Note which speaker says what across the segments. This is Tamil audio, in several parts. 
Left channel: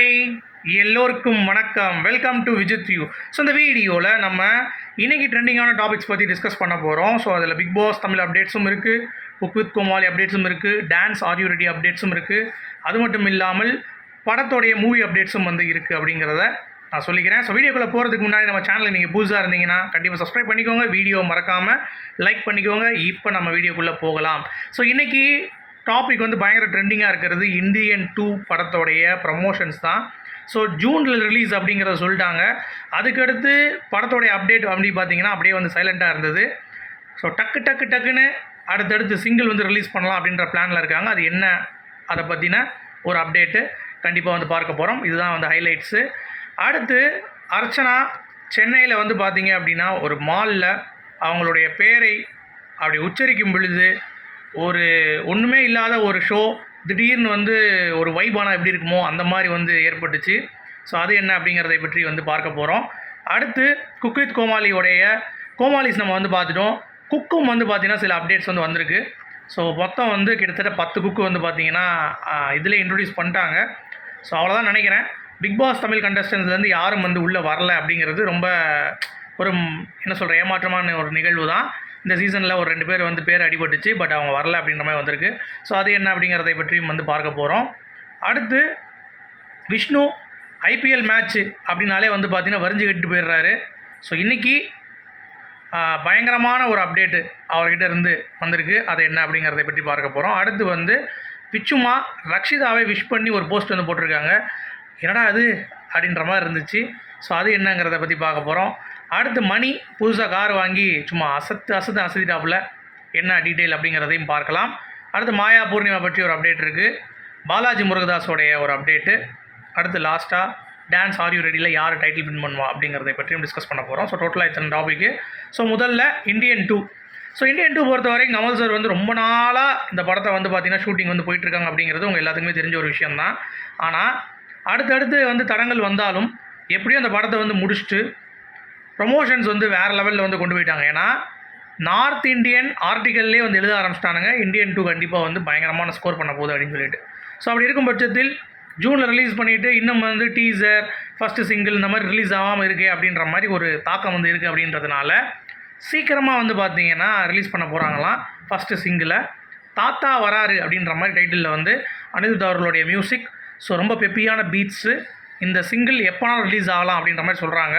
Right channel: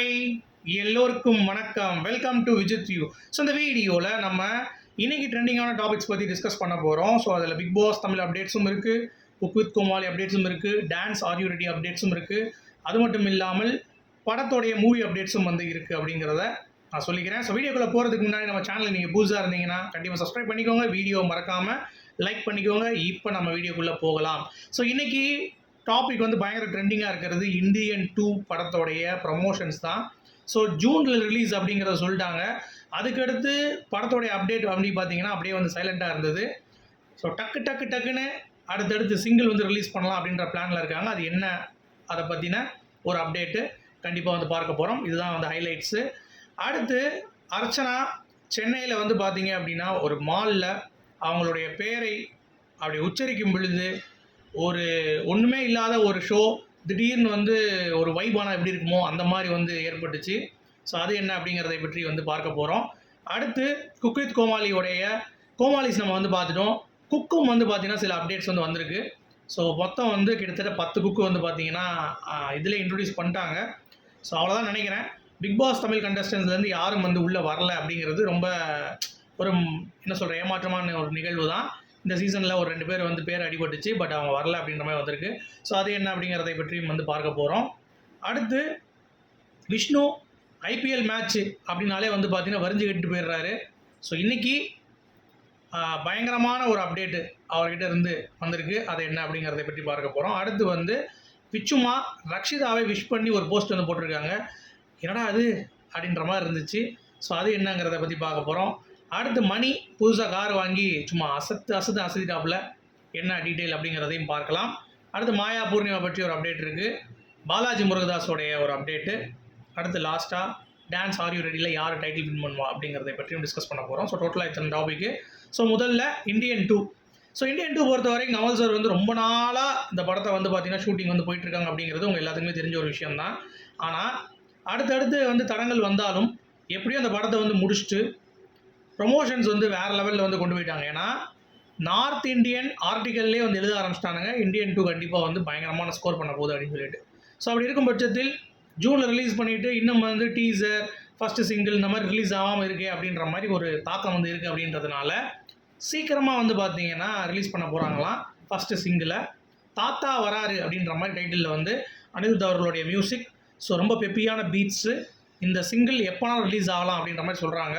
Speaker 1: ஹாய் எல்லோருக்கும் வணக்கம். Welcome to Vijith view so இந்த வீடியோவில் நம்ம இன்றைக்கி ட்ரெண்டிங்கான டாபிக்ஸ் பற்றி டிஸ்கஸ் பண்ண போகிறோம் ஸோ அதில் பிக் பாஸ் தமிழ் அப்டேட்ஸும் இருக்குது குக் வித் கோமாளி அப்டேட்ஸும் இருக்குது டான்ஸ் ஆர்யூ ரெடி அப்டேட்ஸும் இருக்குது அது மட்டும் இல்லாமல் படத்தோடைய மூவி அப்டேட்ஸும் வந்து இருக்குது அப்படிங்கிறத நான் சொல்லிக்கிறேன். ஸோ வீடியோக்குள்ளே போகிறதுக்கு முன்னாடி நம்ம சேனலில் நீங்கள் புதுசாக இருந்தீங்கன்னா கண்டிப்பாக சப்ஸ்கிரைப் பண்ணிக்கோங்க. வீடியோ மறக்காமல் லைக் பண்ணிக்கோங்க. இப்போ நம்ம வீடியோக்குள்ளே போகலாம். ஸோ இன்றைக்கி டாபிக் வந்து பயங்கர ட்ரெண்டிங்காக இருக்கிறது. இந்தியன் டூ படத்தோடைய ப்ரமோஷன்ஸ் தான். ஸோ ஜூனில் ரிலீஸ் அப்படிங்கிறத சொல்லிட்டாங்க. அதுக்கடுத்து படத்தோடைய அப்டேட் அப்படி பார்த்தீங்கன்னா அப்படியே வந்து சைலண்ட்டாக இருந்தது. ஸோ டக்கு டக்கு டக்குன்னு அடுத்தடுத்து சிங்கிள் வந்து ரிலீஸ் பண்ணலாம் அப்படின்ற பிளானில் இருக்காங்க. அது என்ன? அதை பற்றின ஒரு அப்டேட்டு கண்டிப்பாக வந்து பார்க்க போகிறோம் இதுதான் வந்து ஹைலைட்ஸு அடுத்து அர்ச்சனா சென்னையில் வந்து பார்த்தீங்க அப்படின்னா ஒரு மாலில் அவங்களுடைய பேரை அப்படி உச்சரிக்கும் பொழுது ஒரு ஒன்றுமே இல்லாத ஒரு ஷோ திடீர்னு வந்து ஒரு வைபானா எப்படி இருக்குமோ அந்த மாதிரி வந்து ஏற்பட்டுச்சு. ஸோ அது என்ன அப்படிங்கிறதை பற்றி வந்து பார்க்க போகிறோம் அடுத்து குக் வித் கோமாளியோடைய கோமாளிஸ் நம்ம வந்து பார்த்துட்டோம். குக்கும் வந்து பார்த்திங்கன்னா சில அப்டேட்ஸ் வந்து வந்திருக்கு. ஸோ மொத்தம் வந்து கிட்டத்தட்ட பத்து குக்கு வந்து பார்த்தீங்கன்னா இதில் இன்ட்ரடியூஸ் பண்ணிட்டாங்க. ஸோ அவ்வளோதான் நினைக்கிறேன். பிக் பாஸ் தமிழ் கண்டஸ்டன்ஸ்லேருந்து யாரும் வந்து உள்ளே வரல அப்படிங்கிறது ரொம்ப ஒரு என்ன சொல்கிற ஏமாற்றமான ஒரு நிகழ்வு தான் இந்த சீசனில் ஒரு ரெண்டு பேர் வந்து பேர் அடிபட்டுச்சு பட் அவங்க வரல அப்படின்ற மாதிரி வந்திருக்கு. ஸோ அது என்ன அப்படிங்கிறதை பற்றியும் வந்து பார்க்க போகிறோம் அடுத்து விஷ்ணு ஐபிஎல் மேட்ச்சு அப்படின்னாலே வந்து பார்த்திங்கன்னா வரிஞ்சு கட்டு போயிடுறாரு. ஸோ இன்றைக்கி பயங்கரமான ஒரு அப்டேட்டு அவர்கிட்ட இருந்து வந்திருக்கு. அது என்ன அப்படிங்கிறத பற்றி பார்க்க போகிறோம் அடுத்து வந்து பிச்சுமா ரக்ஷிதாவை விஷ் பண்ணி ஒரு போஸ்ட் வந்து போட்டிருக்காங்க. என்னடா அது அப்படின்ற மாதிரி இருந்துச்சு. ஸோ அது என்னங்கிறத பற்றி பார்க்க போகிறோம் அடுத்து மணி புதுசாக கார் வாங்கி சும்மா அசத்து அசத்து அசத்திட்டாப்புல. என்ன டீட்டெயில் அப்படிங்கிறதையும் பார்க்கலாம். அடுத்து மாயா பூர்ணிமா பற்றி ஒரு அப்டேட் இருக்குது பாலாஜி முருகதாஸோடைய ஒரு அப்டேட்டு அடுத்து லாஸ்ட்டாக டான்ஸ் ஆர்யூ ரெடியில் யார் டைட்டில் வின் பண்ணுவா அப்படிங்கிறதை பற்றியும் டிஸ்கஸ் பண்ண போகிறோம் ஸோ டோட்டலாக இத்தனை டாபிக்கு ஸோ முதல்ல Indian two so Indian two பொறுத்தவரைக்கும் கமல் சார் வந்து ரொம்ப நாளாக இந்த படத்தை வந்து பார்த்தீங்கன்னா ஷூட்டிங் வந்து போயிட்டுருக்காங்க அப்படிங்கிறது உங்கள் எல்லாத்துக்குமே தெரிஞ்ச ஒரு விஷயம்தான். ஆனால் அடுத்தடுத்து வந்து தடங்கள் வந்தாலும் எப்படியும் அந்த படத்தை வந்து முடிச்சுட்டு ப்ரொமோஷன்ஸ் வந்து வேறு லெவலில் வந்து கொண்டு போயிட்டாங்க. ஏன்னா நார்த் இந்தியன் ஆர்டிக்கல்லே வந்து எழுத ஆரம்பிச்சிட்டானுங்க. இந்தியன் டூ கண்டிப்பாக வந்து பயங்கரமான ஸ்கோர் பண்ண போகுது அப்படின்னு சொல்லிட்டு. ஸோ அப்படி இருக்கும் பட்சத்தில் ஜூனில் ரிலீஸ் பண்ணிவிட்டு இன்னும் வந்து டீசர் ஃபஸ்ட்டு சிங்கிள் இந்த மாதிரி ரிலீஸ் ஆகாமல் இருக்கே அப்படின்ற மாதிரி ஒரு தாக்கம் வந்து இருக்குது அப்படின்றதுனால சீக்கிரமாக வந்து பார்த்தீங்கன்னா ரிலீஸ் பண்ண போகிறாங்களாம் ஃபஸ்ட்டு சிங்கிளை தாத்தா வராரு அப்படின்ற மாதிரி டைட்டிலில் வந்து அனிருத் அவர்களுடைய மியூசிக் ஸோ ரொம்ப பெப்பியான பீட்ஸு இந்த சிங்கிள் எப்போனாலும் ரிலீஸ் ஆகலாம் அப்படின்ற மாதிரி சொல்கிறாங்க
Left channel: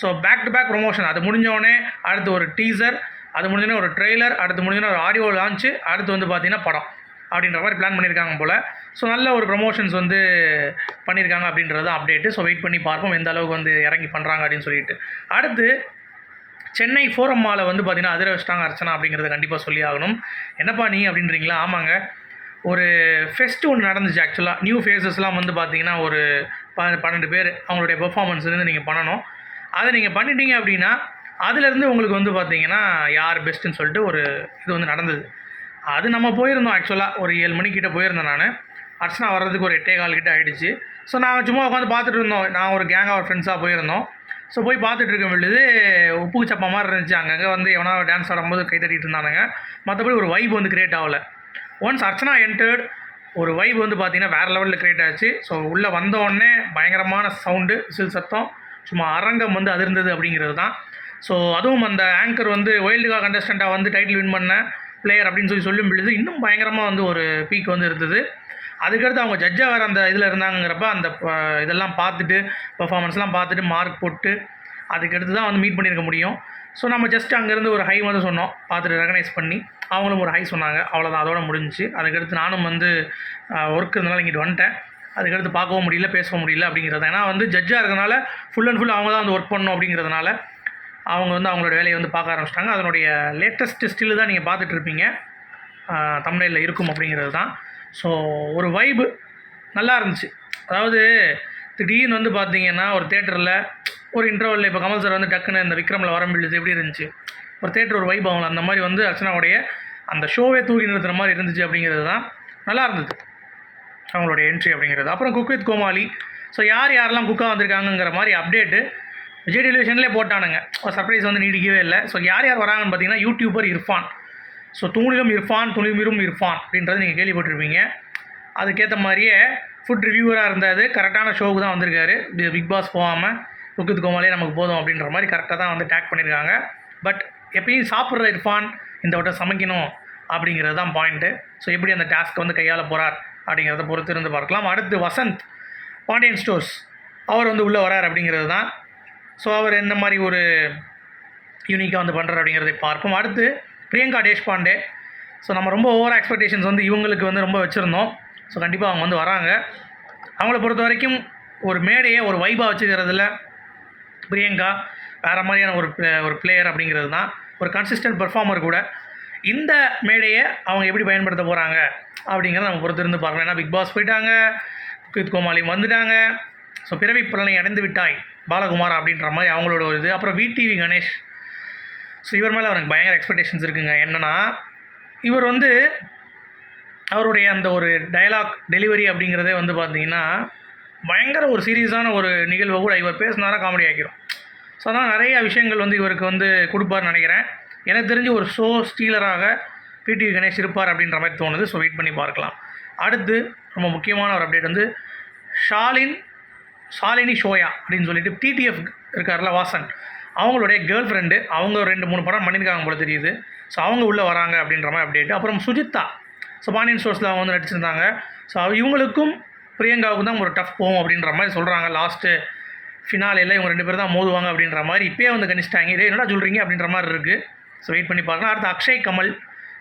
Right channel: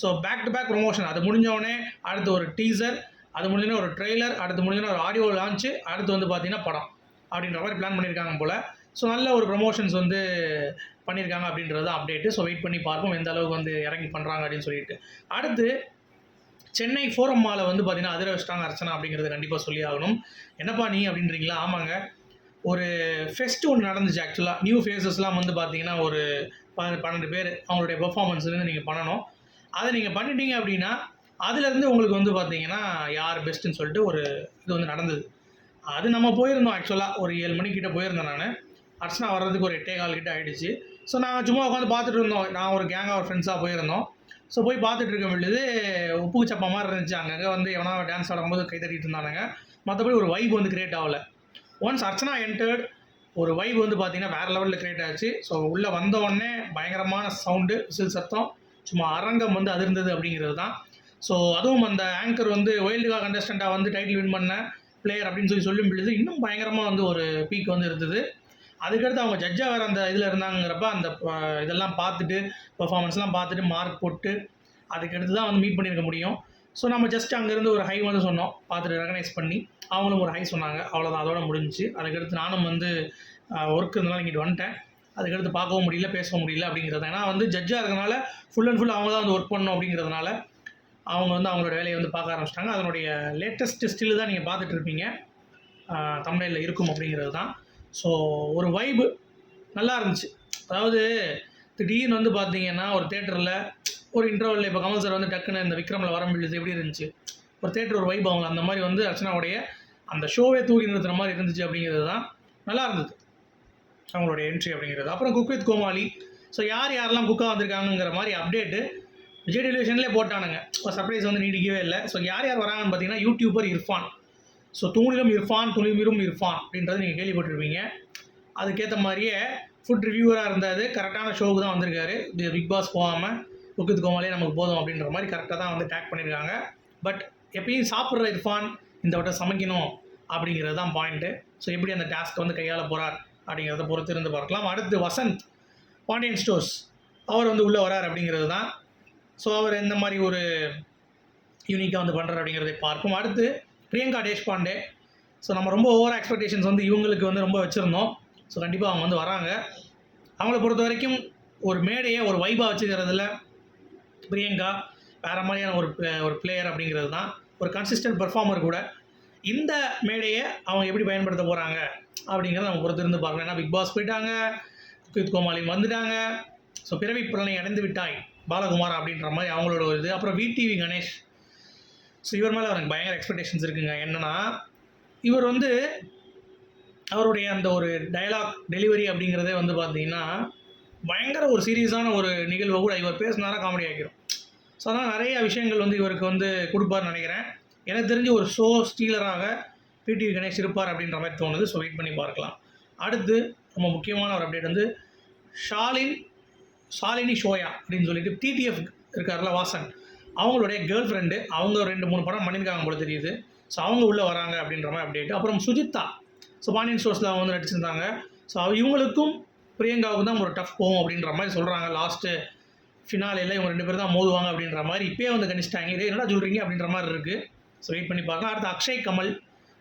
Speaker 1: so back to back promotion அது முடிஞ்சோடனே அடுத்து ஒரு டீசர் அது முடிஞ்சோடனே ஒரு ட்ரெய்லர் அடுத்து முடிஞ்சோடனே ஒரு ஆடியோ லான்ச்சு அடுத்து வந்து பார்த்தீங்கன்னா படம் அப்படின்ற மாதிரி பிளான் பண்ணியிருக்காங்க போல். ஸோ நல்ல ஒரு ப்ரொமோஷன்ஸ் வந்து பண்ணியிருக்காங்க அப்படின்றது அப்டேட்டு ஸோ வெயிட் பண்ணி பார்ப்போம் எந்த அளவுக்கு வந்து இறங்கி பண்ணுறாங்க அப்படின்னு சொல்லிட்டு. அடுத்து சென்னை ஃபோரம் மாலை வந்து பார்த்திங்கன்னா அதிர வச்சிட்டாங்க அர்ச்சனா அப்படிங்கிறத கண்டிப்பாக சொல்லி ஆகணும். என்னப்பா நீ அப்படின்றீங்களா? ஆமாங்க. ஒரு ஃபெஸ்ட் ஒன்று நடந்துச்சு ஆக்சுவலாக நியூ ஃபேஸஸ்லாம் வந்து பார்த்தீங்கன்னா ஒரு ப பன்னெண்டு பேர் அவங்களுடைய பெர்ஃபார்மன்ஸ்லேருந்து நீங்கள் பண்ணணும். அதை நீங்கள் பண்ணிட்டீங்க அப்படின்னா அதுலேருந்து உங்களுக்கு வந்து பார்த்தீங்கன்னா யார் பெஸ்ட்டுன்னு சொல்லிட்டு ஒரு இது வந்து நடந்தது. அது நம்ம போயிருந்தோம் ஆக்சுவலாக ஒரு ஏழு மணிக்கிட்ட போயிருந்தேன் நான். அர்ச்சனா வர்றதுக்கு ஒரு எட்டே கால் கிட்ட ஆகிடுச்சு ஸோ நாங்கள் சும்மா உட்காந்து பார்த்துட்டு இருந்தோம். நான் ஒரு கேங் ஆஃப் ஃப்ரெண்ட்ஸாக போயிருந்தோம். ஸோ போய் பார்த்துட்டு இருக்க பொழுது உப்பு சப்பா மாதிரி இருந்துச்சு. அங்கங்கே வந்து எவனா டான்ஸ் ஆடும்போது கை தட்டிட்டு இருந்தானுங்க. மற்றபடி ஒரு வைப் வந்து கிரியேட் ஆகல. ஒன்ஸ் அர்ச்சனா என்டர்ட் ஒரு வைப் வந்து பார்த்தீங்கன்னா வேறு லெவலில் கிரியேட் ஆச்சு. ஸோ உள்ளே வந்த உடனே பயங்கரமான சவுண்டு விசில் சத்தம் சும்மா அரங்கம் வந்து அதிர்ந்தது அப்படிங்கிறது தான். ஸோ அதுவும் அந்த ஆங்கர் வந்து வைல்டு கார்டு கண்டஸ்டண்ட்டாக வந்து டைட்டில் வின் பண்ண பிளேயர் அப்படின்னு சொல்லி சொல்லும் பொழுது இன்னும் பயங்கரமாக வந்து ஒரு பீக் வந்து இருந்தது. அதுக்கடுத்து அவங்க ஜட்ஜாக வேறு அந்த இதில் இருந்தாங்கிறப்ப அந்த இதெல்லாம் பார்த்துட்டு பர்ஃபார்மன்ஸ்லாம் பார்த்துட்டு மார்க் போட்டு அதுக்கடுத்து தான் வந்து மீட் பண்ணியிருக்க முடியும். ஸோ நம்ம ஜஸ்ட் அங்கேருந்து ஒரு ஹை வந்து சொன்னோம். பார்த்துட்டு ரெகனைஸ் பண்ணி அவங்களும் ஒரு ஹை சொன்னாங்க. அவ்வளோதான் அதோட முடிஞ்சுச்சு. அதுக்கடுத்து நானும் வந்து ஒர்க் இருந்தனால இங்கிட்டு வந்துட்டேன். அதுக்கடுத்து பார்க்கவும் முடியல பேசவும் முடியல அப்படிங்கிறது. ஏன்னா வந்து ஜட்ஜாக இருக்கிறதுனால ஃபுல் அண்ட் ஃபுல் அவங்க தான் வந்து ஒர்க் பண்ணணும் அப்படிங்கிறதுனால அவங்க வந்து அவங்களோட வேலையை வந்து பார்க்க ஆரம்பிச்சிட்டாங்க. அதனுடைய லேட்டஸ்ட் ஸ்டில் தான் நீங்கள் பார்த்துட்டு இருப்பீங்க. தமிழில் இருக்கும் அப்படிங்கிறது தான். ஸோ ஒரு வைபு நல்லா இருந்துச்சு. அதாவது திடீர்னு வந்து பார்த்தீங்கன்னா ஒரு தேட்டரில் ஒரு இன்டர்வலில் இப்போ கமல் சார் வந்து டக்குன்னு இந்த விக்ரமில் வரம்பிழுது எப்படி இருந்துச்சு? ஒரு தேட்டர் ஒரு வைப் அவங்கள அந்த மாதிரி வந்து அர்ச்சனாவுடைய அந்த ஷோவே தூக்கி நிறுத்துகிற மாதிரி இருந்துச்சு அப்படிங்கிறது தான் நல்லா இருந்தது. அவங்களுடைய என்ட்ரி அப்படிங்கிறது. அப்புறம் குக் வித் கோமாளி. ஸோ யார் யாரெல்லாம் குக்காக வந்திருக்காங்கங்கிற மாதிரி அப்டேட்டு விஜய் டெலிவிஷன்லேயே போட்டானுங்க. சர்ப்ரைஸ் வந்து நீடிக்கவே இல்லை. ஸோ யார் யார் வராங்கன்னு பார்த்தீங்கன்னா யூடியூபர் இர்ஃபான். ஸோ தூணிலும் இர்ஃபான் துணிமிரும் இர்ஃபான் அப்படின்றது நீங்கள் கேள்விப்பட்டிருப்பீங்க. அதுக்கேற்ற மாதிரியே ஃபுட் ரிவ்யூவராக இருந்தார். கரெக்டான ஷோவுக்கு தான் வந்திருக்காரு. பிக் பாஸ் போகாமல் குக்கித் கோமாலே நமக்கு போதும் அப்படின்ற மாதிரி கரெக்டாக தான் வந்து டேக் பண்ணியிருக்காங்க. பட் எப்பயும் சாப்பிட்ற இர்ஃபான் இந்த வட்டம் சமைக்கணும் அப்படிங்கிறது தான் பாயிண்ட்டு ஸோ எப்படி அந்த டாஸ்க்கை வந்து கையாள போகிறார் அப்படிங்கிறத பொறுத்து இருந்து பார்க்கலாம். அடுத்து வசந்த் பாண்டியன் ஸ்டோர்ஸ் அவர் வந்து உள்ளே வரார் அப்படிங்கிறது தான். ஸோ அவர் எந்த மாதிரி ஒரு யூனிக்காக வந்து பண்ணுறார் அப்படிங்கிறதை பார்ப்போம். அடுத்து பிரியங்கா தேஷ்பாண்டே. ஸோ நம்ம ரொம்ப ஓவர் எக்ஸ்பெக்டேஷன்ஸ் வந்து இவங்களுக்கு வந்து ரொம்ப வச்சுருந்தோம். ஸோ கண்டிப்பாக அவங்க வந்து வராங்க. அவங்கள பொறுத்த வரைக்கும் ஒரு மேடையை ஒரு வைபாக வச்சுக்கிறதுல பிரியங்கா வேறு மாதிரியான ஒரு ஒரு பிளேயர் அப்படிங்கிறது தான் ஒரு கன்சிஸ்டன்ட் பெர்ஃபார்மர் கூட. இந்த மேடையை அவங்க எப்படி பயன்படுத்த போகிறாங்க அப்படிங்கிறத நம்ம பொறுத்திருந்து பார்க்கலாம். ஏன்னா பிக் பாஸ் போயிட்டாங்க குக்கித் கோமாளியும் வந்துட்டாங்க. ஸோ பிறவி புலனை அடைந்து விட்டாய் பாலகுமார் அப்படின்ற மாதிரி அவங்களோட ஒரு இது. அப்புறம் விடிவி கணேஷ். ஸோ இவர் மேலே அவருக்கு பயங்கர எக்ஸ்பெக்டேஷன்ஸ் இருக்குங்க. என்னென்னா இவர் வந்து அவருடைய அந்த ஒரு டயலாக் டெலிவரி அப்படிங்கிறதே வந்து பார்த்தீங்கன்னா பயங்கர ஒரு சீரியஸான ஒரு நிகழ்வை கூட இவர் பேசினாரா காமெடி ஆக்கிரும். ஸோ அதனால் நிறைய விஷயங்கள் வந்து இவருக்கு வந்து கொடுப்பார்னு நினைக்கிறேன். எனக்கு தெரிஞ்சு ஒரு ஷோ ஸ்டீலராக பிடி கணேஷ் இருப்பார் அப்படின்ற மாதிரி தோணுது. ஸோ வெயிட் பண்ணி பார்க்கலாம். அடுத்து ரொம்ப முக்கியமான ஒரு அப்டேட் வந்து ஷாலின் ஷாலினி ஷோயா அப்படின்னு சொல்லிட்டு டிடிஎஃப் இருக்கார்ல வாசன். அவங்களுடைய கேர்ள் ஃப்ரெண்டு அவங்க ஒரு ரெண்டு மூணு படம் பண்ணியிருக்காங்க போல தெரியுது. ஸோ அவங்க உள்ளே வராங்க அப்படின்ற மாதிரி அப்டேட் அப்புறம் சுஜித்தா. ஸோ பாண்டியன் ஸ்டோர்ஸில் அவங்க வந்து நடிச்சிருந்தாங்க. ஸோ இவங்களுக்கும் பிரியங்காவுக்கு தான் ஒரு டஃப் போகும் அப்படின்ற மாதிரி சொல்கிறாங்க லாஸ்ட்டு ஃபினாலேயில் இவங்க ரெண்டு பேர் தான் மோதுவாங்க அப்படின்ற மாதிரி இப்போயே வந்து கணிச்சிட்டாங்க. இதே என்னடா சொல்கிறீங்க அப்படின்ற மாதிரி இருக்குது ஸோ வெயிட் பண்ணி பார்க்கலாம் அடுத்து அக்ஷய் கமல்.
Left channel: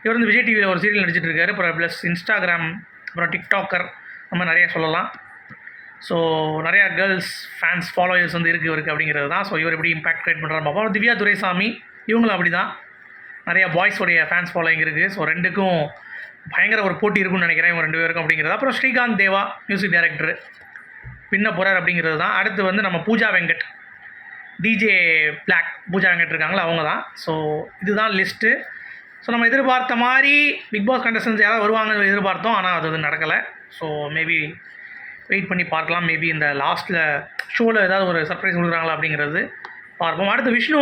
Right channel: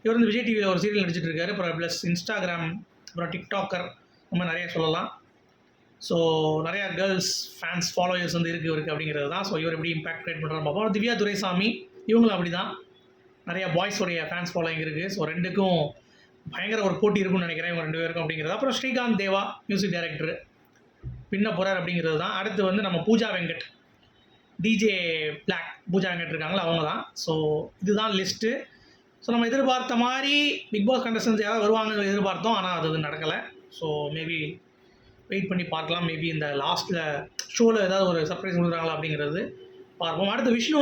Speaker 1: இவர் வந்து விஜய் டிவியில் ஒரு சீரியல் நடிச்சிட்டு இருக்காரு. அப்புறம் ப்ளஸ் இன்ஸ்டாகிராம் அப்புறம் டிக்டாக்கர் நம்ம நிறைய சொல்லலாம். ஸோ நிறையா கேர்ள்ஸ் ஃபேன்ஸ் ஃபாலோயர்ஸ் வந்து இருக்குது இவருக்கு அப்படிங்கிறது தான். ஸோ இவர் எப்படி இம்பாக்ட் கிரியேட் பண்ணுறாரு பார்ப்போம். திவ்யா துரைசாமி. இவங்களும் அப்படி தான் நிறையா பாய்ஸோடைய ஃபேன்ஸ் ஃபாலோயிங் இருக்குது ஸோ ரெண்டுக்கும் பயங்கர ஒரு போட்டி இருக்கும்னு நினைக்கிறேன் இவங்க ரெண்டு பேருக்கும் அப்படிங்கிறது. அப்புறம் ஸ்ரீகாந்த் தேவா மியூசிக் டைரக்டர் பின்ன போகிறார் அப்படிங்கிறது தான். அடுத்து வந்து நம்ம பூஜா வெங்கட் டிஜே பிளாக் பூஜா வெங்கட் இருக்காங்களா அவங்க தான். ஸோ இதுதான் லிஸ்ட்டு ஸோ நம்ம எதிர்பார்த்த மாதிரி பிக் பாஸ் கண்டஸ்டன்ஸ் யாராவது வருவாங்கன்னு எதிர்பார்த்தோம் ஆனால் அது வந்து நடக்கலை. ஸோ மேபி வெயிட் பண்ணி பார்க்கலாம். மேபி இந்த லாஸ்ட்டில் ஷோவில் ஏதாவது ஒரு சர்ப்ரைஸ் கொடுக்குறாங்களா அப்படிங்கிறது பார்ப்போம். அடுத்து விஷ்ணு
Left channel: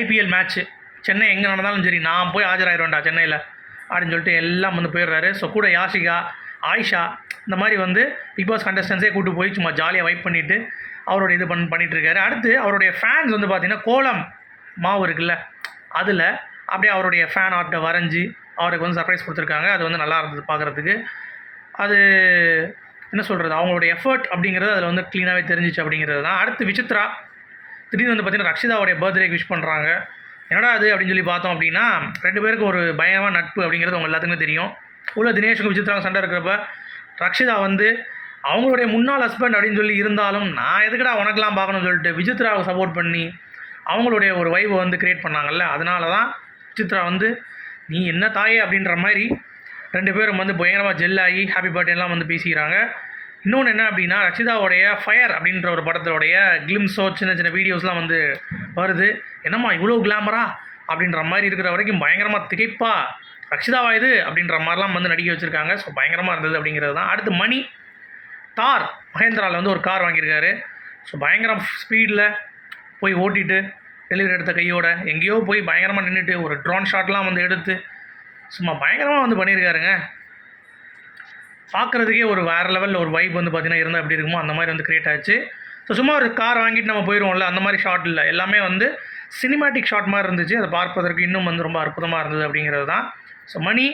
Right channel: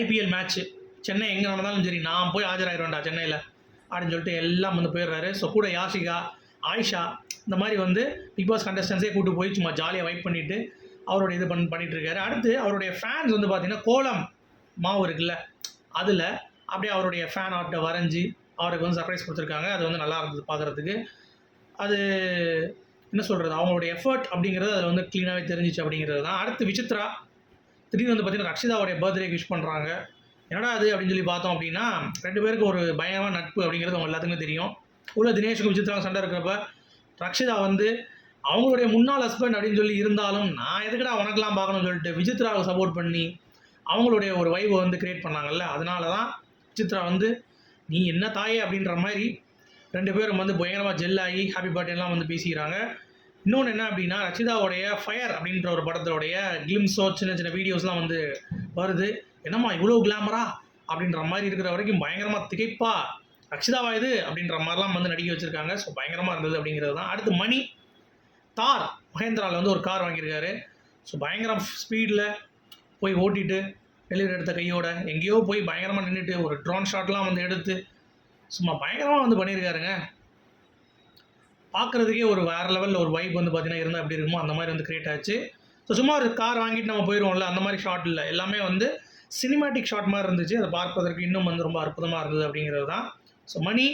Speaker 1: ஐபிஎல் மேட்ச்சு சென்னை எங்கே நடந்தாலும் சரி நான் போய் ஆஜராயிருவேன்டா சென்னையில். அப்படின்னு சொல்லிட்டு எல்லாம் வந்து போயிடுறாரு. ஸோ கூட யாஷிகா ஆயிஷா இந்த மாதிரி வந்து பிக் பாஸ் கண்டஸ்டன்ஸே கூட்டு போய் சும்மா ஜாலியாக வைப் பண்ணிவிட்டு அவரோட இது பண் பண்ணிகிட்ருக்காரு அடுத்து அவருடைய ஃபேன்ஸ் வந்து பார்த்திங்கன்னா கோலம் மாவு இருக்குல்ல அதில் அப்படியே அவருடைய ஃபேன் ஆர்ட்டை வரைஞ்சி அவருக்கு வந்து சர்ப்ரைஸ் கொடுத்துருக்காங்க. அது வந்து நல்லா இருந்தது பார்க்குறதுக்கு அது என்ன சொல்கிறது அவங்களுடைய எஃபர்ட் அப்படிங்கிறது அதில் வந்து க்ளீனாகவே தெரிஞ்சிச்சு அப்படிங்கிறது தான். அடுத்து விசித்ரா திடீர்னு வந்து பார்த்தீங்கன்னா ரக்ஷிதாவுடைய பர்த்டேக்கு விஷ் பண்ணுறாங்க என்னடா அது அப்படின்னு சொல்லி பார்த்தோம் அப்படின்னா ரெண்டு பேருக்கு ஒரு பயமாக நட்பு அப்படிங்கிறது அவங்க எல்லாத்துக்குமே தெரியும். உள்ள தினேஷுக்கும் விசித்ராவுக்கும் சண்டை இருக்கிறப்ப ரக்ஷிதா வந்து அவங்களுடைய முன்னாள் ஹஸ்பண்ட் அப்படின்னு சொல்லி இருந்தாலும் நான் எதுக்குடா உனக்கெல்லாம் பார்க்கணும்னு சொல்லிட்டு விசித்ராவை சப்போர்ட் பண்ணி அவங்களுடைய ஒரு வைவை வந்து க்ரியேட் பண்ணாங்கல்ல அதனால தான் விசித்ரா வந்து நீ என்ன தாயே? அப்படின்ற மாதிரி ரெண்டு பேரும் வந்து பயங்கரமாக ஜெல் ஆகி ஹாப்பி பர்த்டேலாம் வந்து பேசிக்கிறாங்க. இன்னொன்று என்ன அப்படின்னா ரச்சிதாவுடைய ஃபயர் அப்படின்ற ஒரு படத்தோடைய கிளிம்ஸோ சின்ன சின்ன வீடியோஸ்லாம் வந்து வருது. என்னம்மா இவ்வளோ கிளாமரா அப்படின்ற மாதிரி இருக்கிற வரைக்கும் பயங்கரமாக திகைப்பா ரக்ஷிதாவா இது? அப்படின்ற மாதிரிலாம் வந்து நடிக்க வச்சுருக்காங்க. ஸோ பயங்கரமாக இருந்தது அப்படிங்கிறது தான். அடுத்து மணி. தார் மகேந்திராவில் வந்து ஒரு கார் வாங்கியிருக்காரு. ஸோ பயங்கரம் ஸ்பீடில் போய் ஓட்டிட்டு டெலிவரி எடுத்த கையோட எங்கேயோ போய் பயங்கரமாக நின்றுட்டு ஒரு ட்ரோன் ஷாட்லாம் வந்து எடுத்து சும்மா பயங்கரமாக வந்து பண்ணியிருக்காருங்க. பார்க்குறதுக்கே ஒரு வேறு லெவலில் ஒரு வைப் வந்து பார்த்தீங்கன்னா இருந்தால் எப்படி இருக்குமோ அந்த மாதிரி வந்து கிரியேட் ஆச்சு. ஸோ சும்மா ஒரு கார் வாங்கிட்டு நம்ம போயிடுவோம்ல அந்த மாதிரி ஷாட் இல்லை. எல்லாமே வந்து சினிமேட்டிக் ஷாட் மாதிரி இருந்துச்சு. அதை பார்ப்பதற்கு இன்னும் வந்து ரொம்ப அற்புதமாக இருந்தது அப்படிங்கிறது தான். ஸோ மணி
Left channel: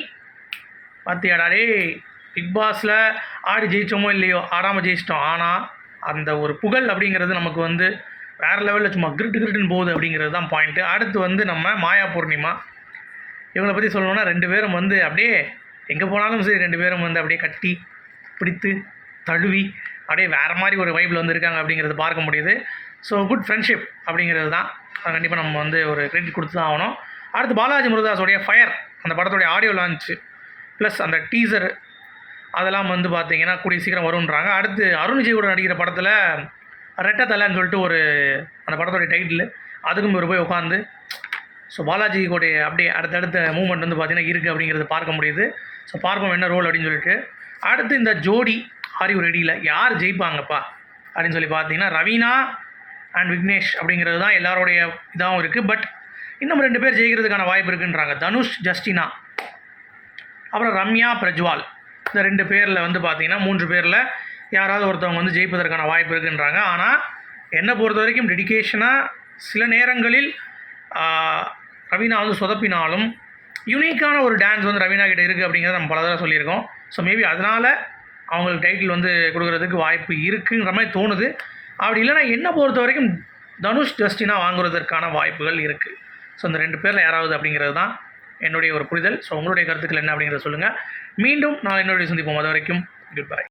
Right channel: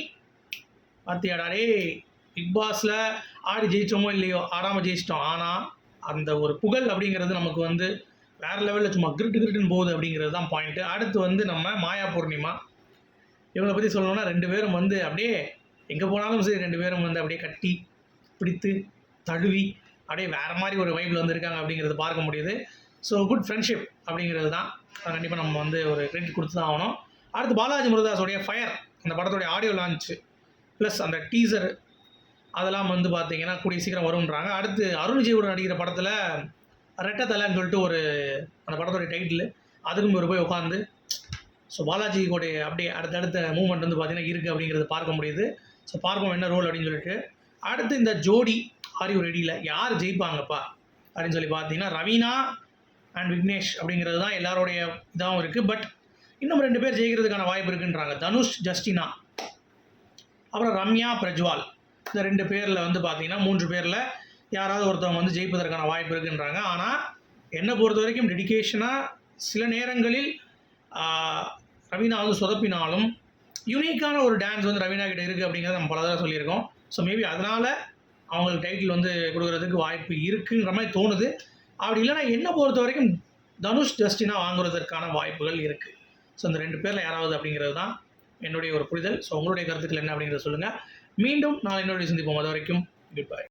Speaker 1: பார்த்தியாடா டேய் பிக் பாஸில் ஆடி ஜெயிச்சோமோ இல்லையோ ஆடாமல் ஜெயிச்சிட்டோம். ஆனால் அந்த ஒரு புகழ் அப்படிங்கிறது நமக்கு வந்து வேறு லெவலில் சும்மா கிரிட்டு கிரிட்டுன்னு போகுது அப்படிங்கிறது தான் பாயிண்ட்டு அடுத்து வந்து நம்ம மாயா பூர்ணிமா. இவங்களை பற்றி சொல்லணும்னா ரெண்டு பேரும் வந்து அப்படியே எங்கே போனாலும் சரி ரெண்டு பேரும் வந்து அப்படியே கட்டி பிடித்து தழுவி அப்படியே வேறு மாதிரி ஒரு வைப்பில் வந்து இருக்காங்க அப்படிங்கிறது பார்க்க முடியுது. ஸோ குட் ஃப்ரெண்ட்ஷிப் அப்படிங்கிறது தான். கண்டிப்பாக நம்ம வந்து ஒரு கிரெடிட் கொடுத்து தான் ஆகணும். அடுத்து பாலாஜி முருதாஸோடைய ஃபயர் அந்த படத்துடைய ஆடியோ லான்ச்சு ப்ளஸ் அந்த டீசர் அதெல்லாம் வந்து பார்த்தீங்கன்னா கூடிய சீக்கிரம் வரும்ன்றாங்க. அடுத்து அருண் விஜயோட நடிக்கிற படத்தில் ரெட்டத்தலைன்னு சொல்லிட்டு ஒரு அந்த படத்தோடைய டைட்டில் அதுக்கும் ஒரு போய் உட்காந்து ஸோ பாலாஜியோடைய அப்படியே அடுத்தடுத்த மூமெண்ட் வந்து பார்த்திங்கன்னா இருக்குது அப்படிங்கிறது பார்க்க முடியுது. ஸோ பார்ப்போம் என்ன ரோல் அப்படின்னு சொல்லிட்டு. அடுத்து இந்த ஜோடி ஆரியூ ரெடியில் யார் ஜெயிப்பாங்கப்பா? அப்படின்னு சொல்லி பார்த்தீங்கன்னா ரவீனா அண்ட் விக்னேஷ் அப்படிங்கிறது தான் எல்லாருடைய இதாகவும் இருக்குது பட் இன்னும் ரெண்டு பேர் ஜெயிக்கிறதுக்கான வாய்ப்பு இருக்குன்றாங்க. தனுஷ் ஜஸ்டினா. அப்புறம் ரம்யா பிரஜ்வால். இந்த ரெண்டு பேரில் வந்து பார்த்தீங்கன்னா மூன்று பேரில் யாராவது ஒருத்தவங்க வந்து ஜெயிப்பதற்கான வாய்ப்பு இருக்குன்றாங்க. ஆனால் என்னை பொறுத்த வரைக்கும் டெடிக்கேஷனாக சில நேரங்களில் ரவீனா வந்து சொதப்பினாலும் யூனிக்கான ஒரு டான்ஸ் வந்து ரவீனா கிட்ட இருக்குது அப்படிங்கிறத நம்ம பல தடவை சொல்லியிருக்கோம். ஸோ மேபி அதனால் அவங்களுக்கு டைட்டில் வந்து கொடுக்குறதுக்கு வாய்ப்பு இருக்குங்கிற மாதிரி தோணுது. அப்படி இல்லைன்னா என்னை பொறுத்த வரைக்கும் தனுஷ் ஜஸ்டினா வாங்குறதற்கான வாய்ப்புகள் இருக்குது ஸோ இந்த ரெண்டு பேரில் யாராவது அப்படிங்கிறது தான் என்னுடைய ஒரு புரிதல். ஸோ உங்களுடைய கருத்துக்கள் என்ன அப்படிங்கிறத சொல்லுங்கள் மீண்டும் நான் என்னுடைய சந்திப்போம். அது வரைக்கும் குட் பை